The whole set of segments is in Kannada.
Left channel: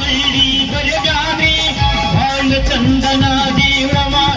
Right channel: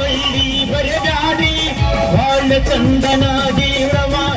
वल्ली बरव्यारी भांड चंदनादी व्रवा.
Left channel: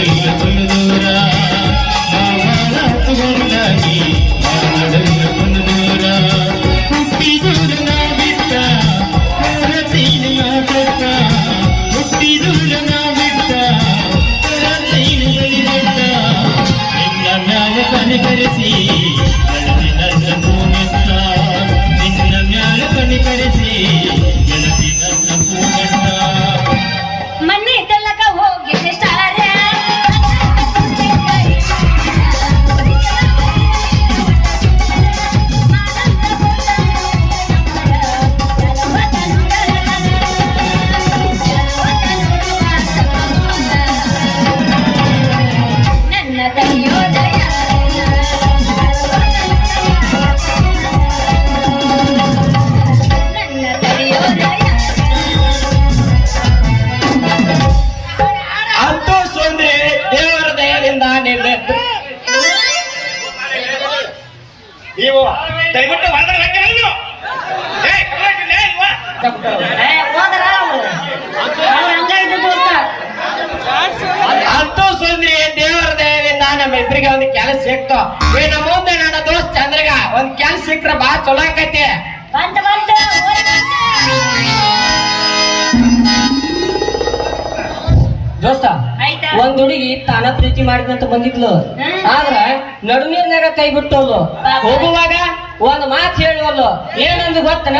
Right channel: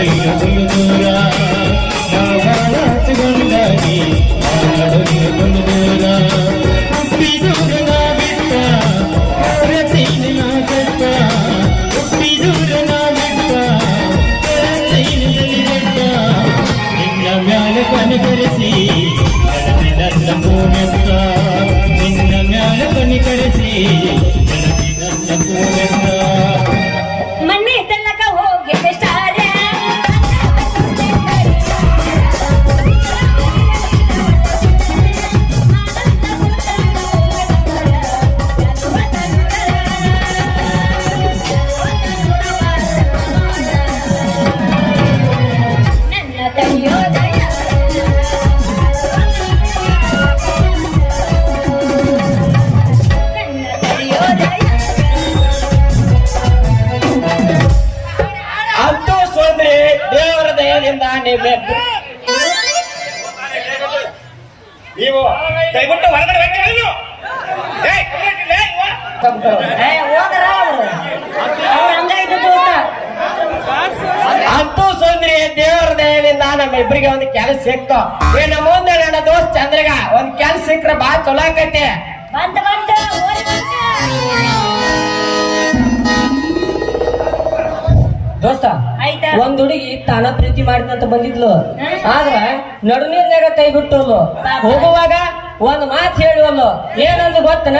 అడవిలు దూరా నా భారత్ అడవిలు దూరా పుట్టి దూర నా బిడ్డ భారతీయ మాత పుట్టి దూర నా బిడ్డ భారతీయ బలిగడ్డ నిన్న మ్యాల పని కరిసి నడపిదల్ల భూమెత్త నిన్న మ్యాల పని కరిసి నడపిదల్ల భూమెత్త ನೀವು ದಯವಿಟ್ಟು ಹೊರಗಡೆ ಹೋಗ್ತೀರ ನೀವು ಏಯ್ ಒಂದು ಕೆಲಸ ಸಿಕ್ತು. ಈ ನನ್ನ ದೋಸ್ತ ಚಂದ್ರಗ ಒಂದ್ ಕೆಲಸ ಸಿಕ್ಕ್ರೆ ಬಾ ಚಲೋ ಆಕೈತಿ. ಹೋಗುವಾಗ ಒಂದು ಮಾತು ಹೇಳುವಲ್ಲೋ? ಏನಂದು ಗೊತ್ತನ?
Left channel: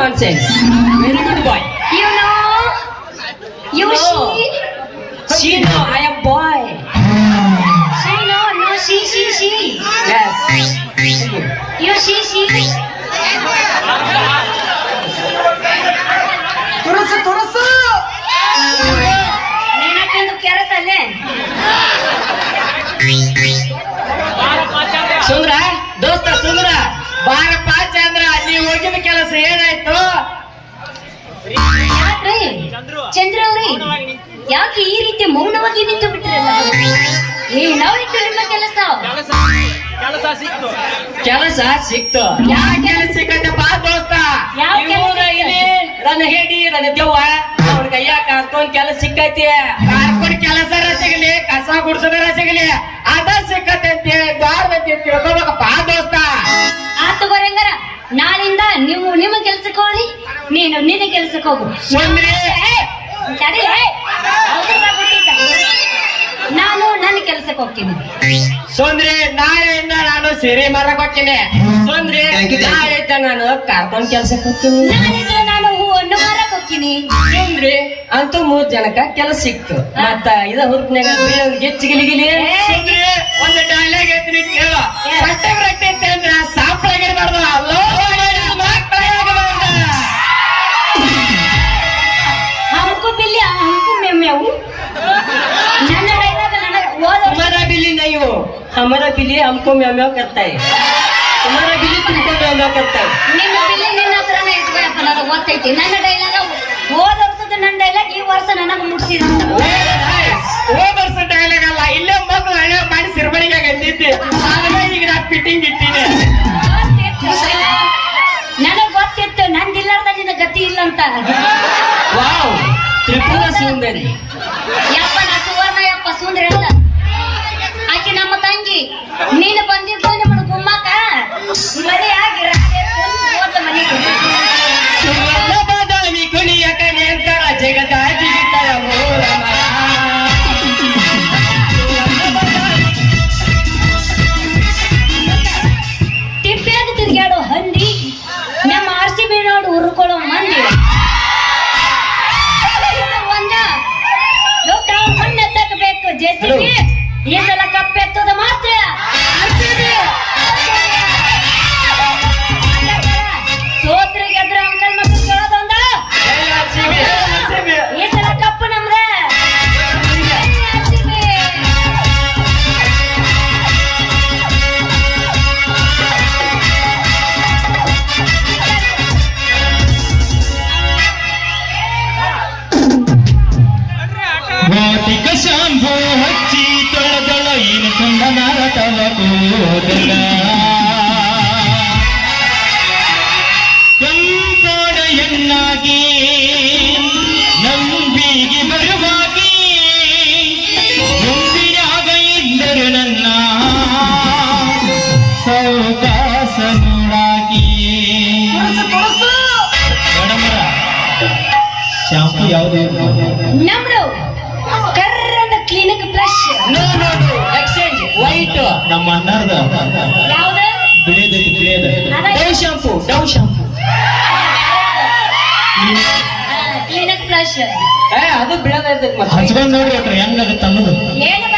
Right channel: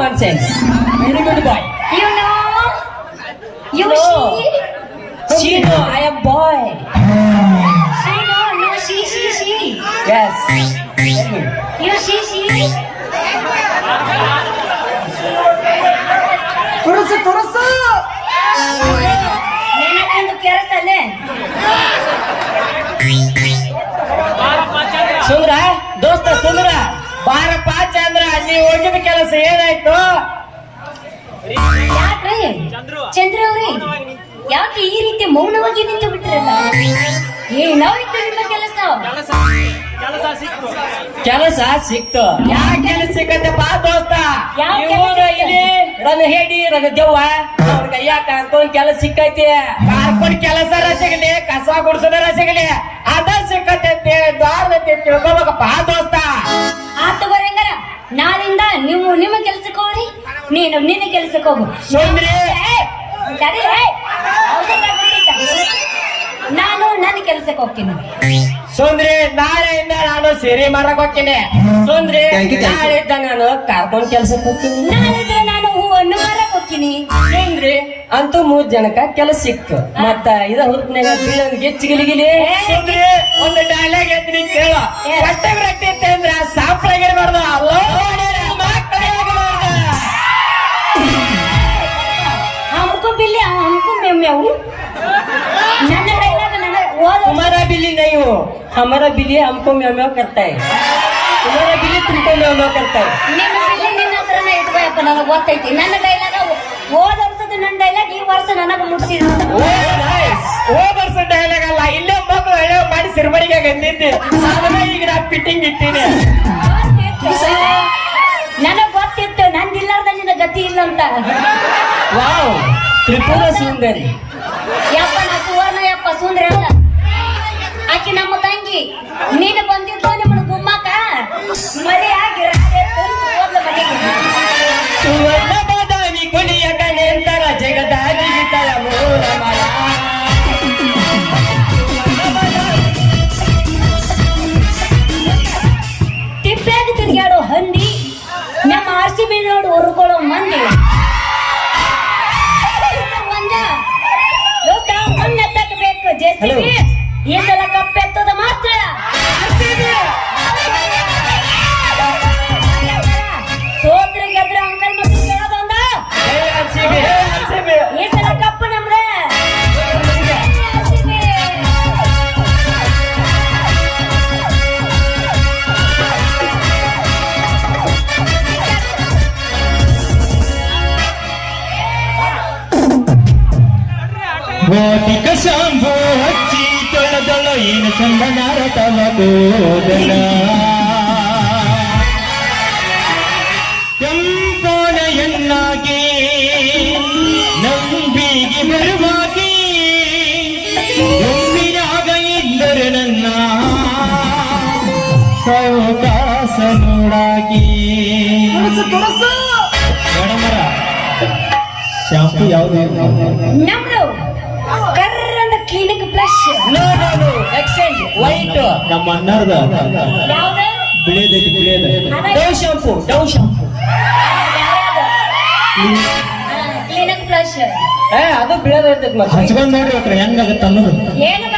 I am not nonsense very good boy you know you No. She She know I am boy. She know you she she she Yes. Tell me. You she she ತುಳಸು ತುಳಸು ನೆನಕೆಂದು ಕೆರತಲ್ಲೇ ಸುಂದ್ರ ಚಂದ್ರ ಅವ್ರಿ ಯಾಕೆ ಈ ರೀತಿ ಮೌನವಾಗಿ ನಿಂತು ಬಿಟ್ರಲ್ಲ ಏನಾಯ್ತು ನಿಮ್ಮ ಕೆಲಸ? ಕೆಲಸ ಸಿಕ್ತು. ಕೆಲಸ ಸಿಕ್ತು. ಯಾ ಕೆಲಸ ಸಿಕ್ಕತ್ತಪ್ಪ ದೋಸ್ತ? ಯಾವ ಕೆಲಸ ಇಲ್ಲಿ ನನ್ನ ಹೇಡಿ ನನ್ನ ದೆವ್ವ ಅವ್ರ ಕೈಯಾಗ ಕಾಣ್ಕೊಂಡ್ ಕೆಲಸ ಸಿಕ್ಕೈತಿ. ಕಾರ್ಪೊರೇಟ್ ಕೆಲಸ ಸಿಗಲಿ ಕಸ ಗುಡ್ಸೋದರ ಸಿಗಲಿ. ಅದ ಸಿಕ್ಕತ್ತೆ ದ್ವಾರ ತಿಳ್ಕೊಬೇಕಪ್ಪ ದೋಸ್ತ. ಆತು ಬರಂಗರ ನಾನಿಂದ ನೀವು ನಿಮ್ಮ ಕೆಲಸಕ್ಕೆ ಹೋಗ್ರಿ ನೀನು ನಿನ್ನ ಕೆಲಸಕ್ಕೆ ಹೋಗು. ಸುಂದ್ರಿ ಅವ್ನ್ ಸ್ವಲ್ಪ ಬಿಟ್ಟಿದ್ದ. ಹೋಗ್ತೀನಿ. ಸುಂದ್ರಿ ನಾಳೆಯಿಂದ ನಾನು ಸಿರಿ ಮಾರಕ್ ಹೋಗ್ತೀನಿ. ಸುಂದ್ರಿ. ನಾಳಿದ್ದ ನಾನು ಕಾರ್ಕೊಂಡ್ ಕೆಲ್ಸಕ್ಕೆ ಹೋಗ್ತೀನಿ. ನಾಳಿದ್ರೆ ನಾನು ಹೂವನ್ನು ಮಾರಕ್ ಹೋಗ್ತೀನಿ. ಸುಂದ್ರಿ ಅಂತೂ ಮೂರ್ ಜನಕ್ಕ ಕೆಲಸ ಸಿಕ್ತು. ಮತ್ತ ಇದ ಹುರುಪ್ನಾಗ ಗೆಚ್ಚ ಗಿಲಿಗಿಲಿ ಸುಂದ್ರಿ ಒಂದು ಡೈಲಾಗ್ हमारा बिल्ली हमको म्याऊ म्याऊ करता है तुम्हारा बिल्ली तुमको म्याऊ म्याऊ करता है ನಿನ್ನ ಬಿಲ್ಲಿ ನಿನ್ನ ಹತ್ರನೇ ಇಟ್ಕೊಯಪ್ಪ ನನಗೆ ಗೊತ್ತೈತಿ ನನ್ನ ಡೈಲಾಗ್ ಹೋದ ವರ್ಷದ ನನ್ನ ಡೈಲಾಗ್ ಈ ವರ್ಷ ನನಗೆ ಮುಟ್ಸಿದ ಹೋದ ವರ್ಷ ಡೈಲಾಗ್ ಅಲ್ಲ ಇಲ್ಲೇ ಮಕ್ಳು ಹಳೆ ಮಾಡಿ ಸಿರ್ಬರಿಗೆ ಗಂದಿದ್ದೆ ಆದ್ರೆ ಈಗ ನಾ ಫಿಟ್ಟಿಂಗ್ ಇಟ್ಟಿನಿ ನನಗ್ ಗೊತ್ತಿತ್ತು ನಂದಿಲ್ಲಾರ್ದ ನಿನ್ನ ಗತಿ ಇಲ್ಲ ಅಂತ ವಾವ್ ತ್ರಿಪುರ ಸುಂದರಿ Hello. ಕೆಂಪನ ಎಣ್ಣಾಗಿ ನಂಬಿಗೆ ಬರುವಾಗಿ ಮುಂದಿನಾಗ ಇದ್ದರು ನನ್ನ ಸೌಕಾಸ ನೋಡಾಗಿ. ಶಾಂಪು ಯಾವುದು? ನಮ್ಮ ಬಿಳಿದೈತಿ ಬಿಳಿಯದ. ನನಗೆ ಡವ್ ಶಾಂಪು ಡವ್ ಶಾಂಪು. ಏ ಅದು ಬೀಳದೈತೈತಿ ಮತ್ತೆ. ಹಚ್ಕೊಂಡ್ ನೋಡ್ರಿ ಒಟ್ರ ಹೆಂಗಾಗತ್ತ ಅನ್ನೋದು. ಏನು?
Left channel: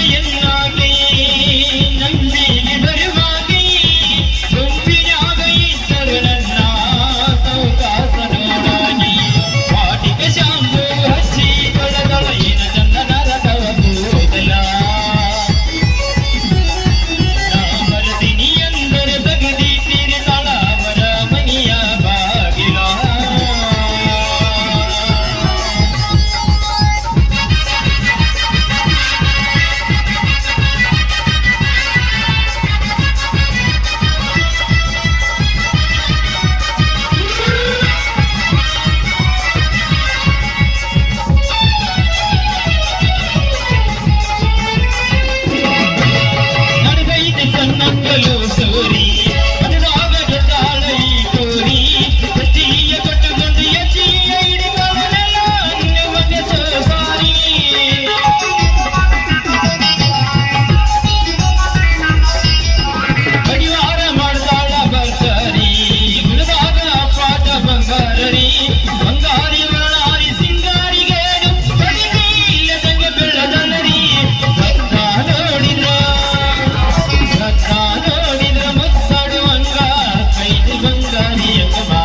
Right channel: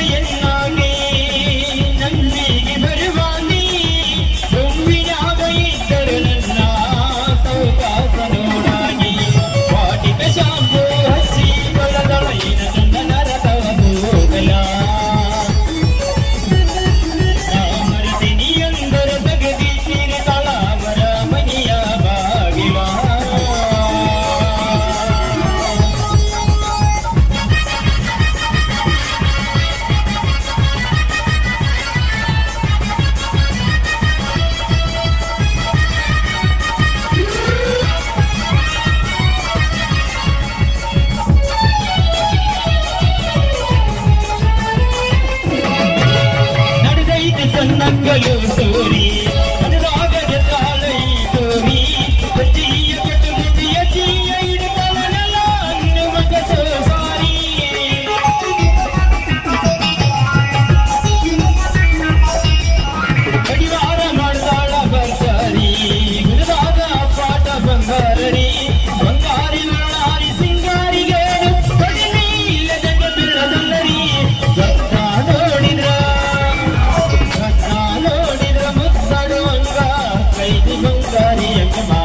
என்ன கைதுகள் அறியக்குமா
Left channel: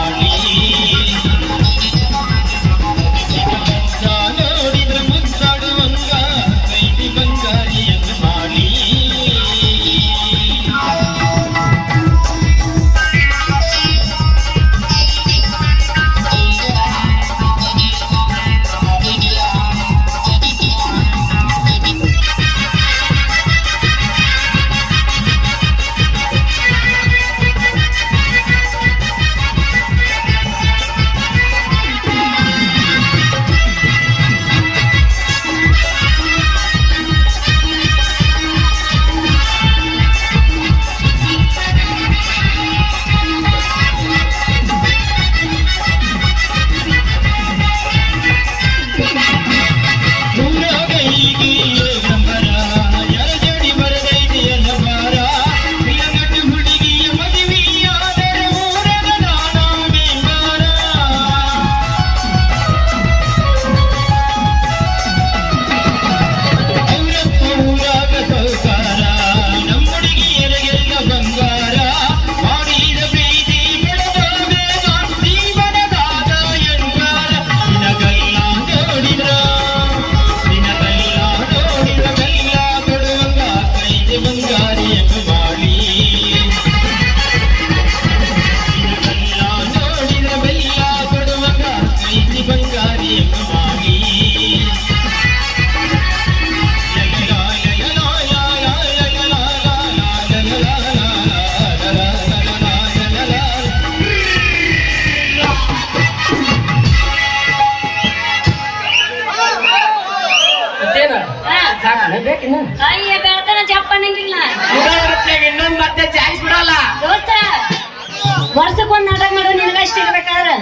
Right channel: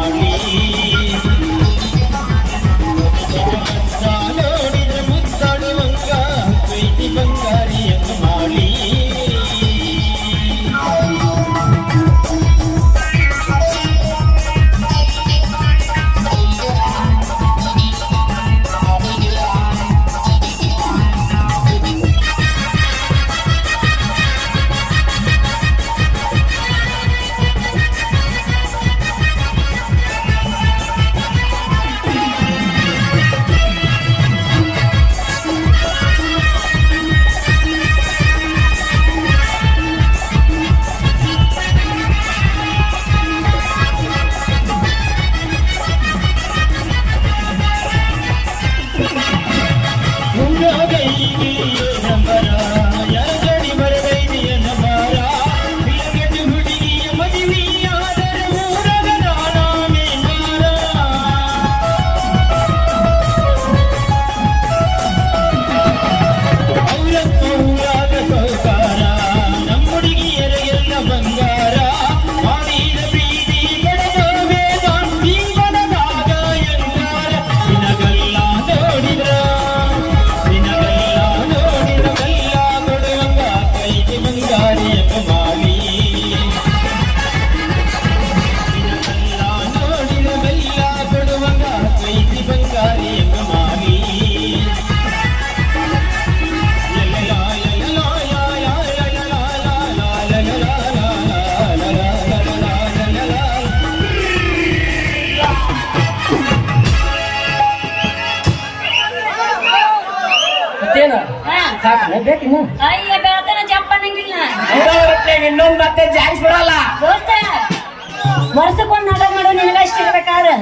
ವರ್ಷಕ್ಕೊಂದು ನಾಟಕ ಮಾಡೋ ನಿನಗಷ್ಟೇ ಬೇಕಾದ್ರೆ.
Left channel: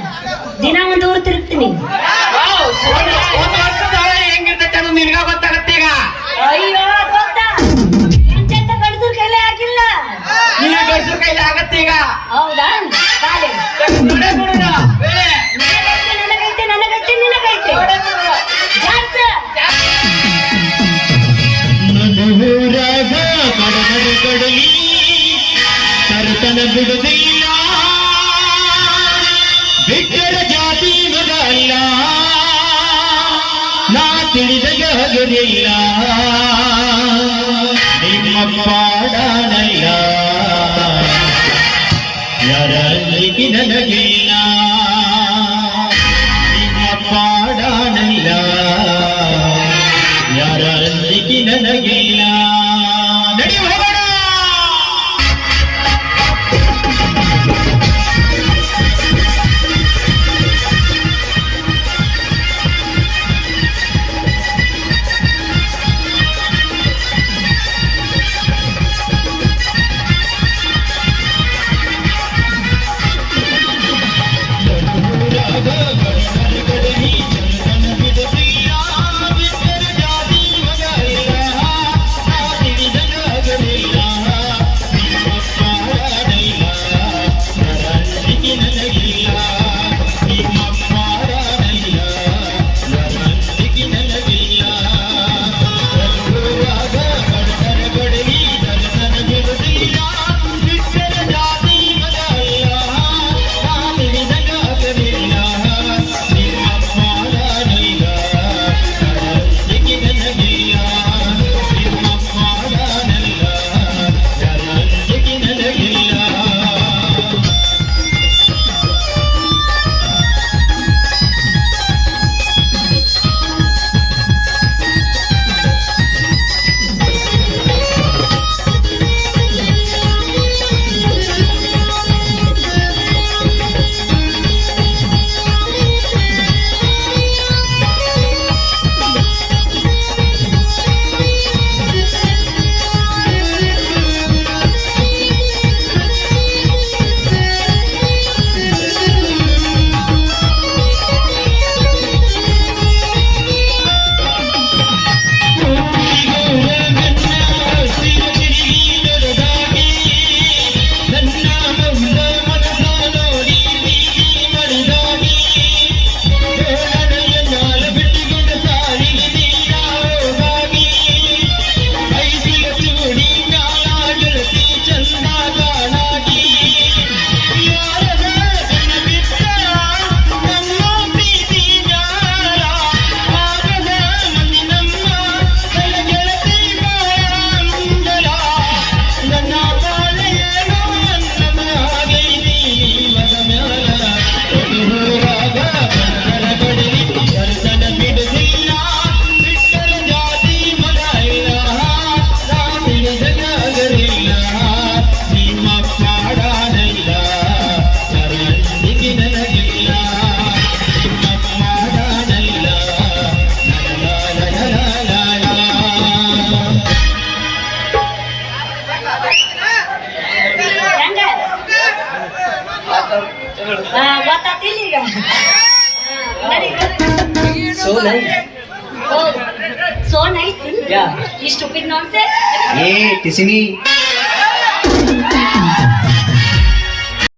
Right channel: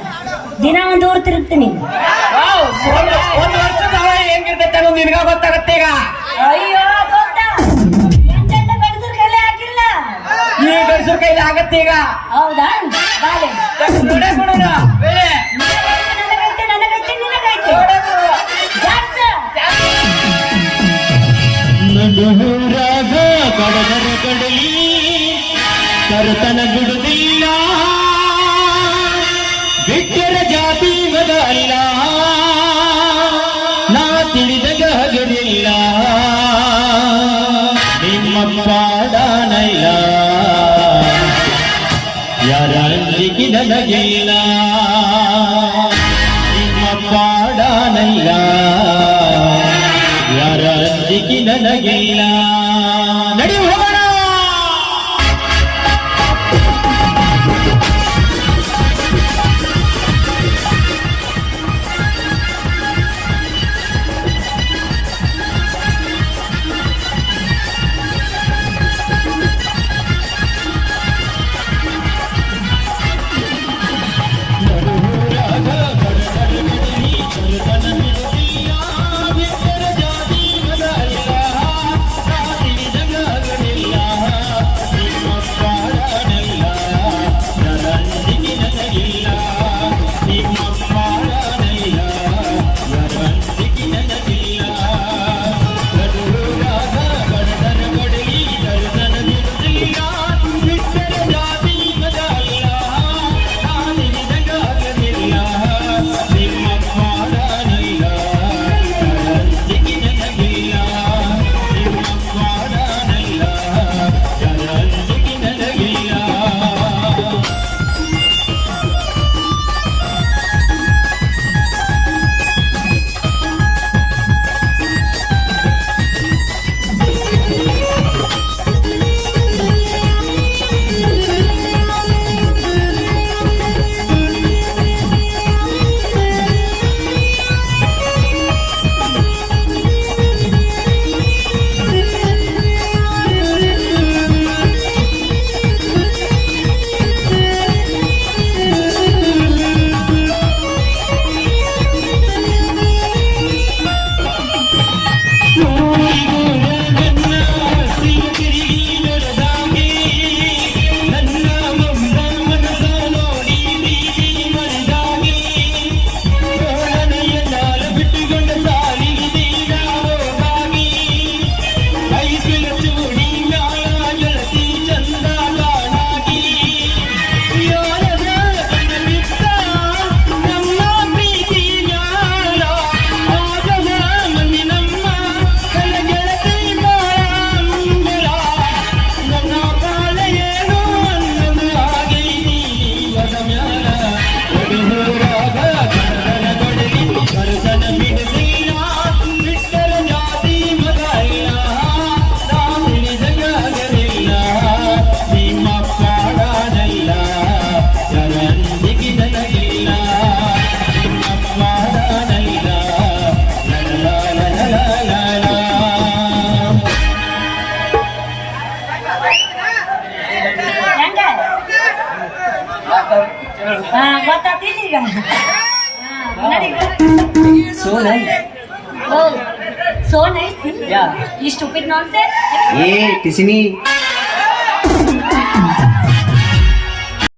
ದಿನ ಒಂದು ಊರು ತಿರುಗ್ತೀನಿ. ಇಲ್ಲ ನಿಮ್ಮ ಪಾಡಾನಿಲ್ಲ ಯಾರಲ್ಲಿ ನನಗಿಲ್ಲ ನಿಮ್ಮ ಪಾಡಾನಿಲ್ಲ ಯಾರಲ್ಲಿ ನನಗಿಲ್ಲ so nice. Oh, so nice. Yeah. You stupid nonsense. Hey, Tishini.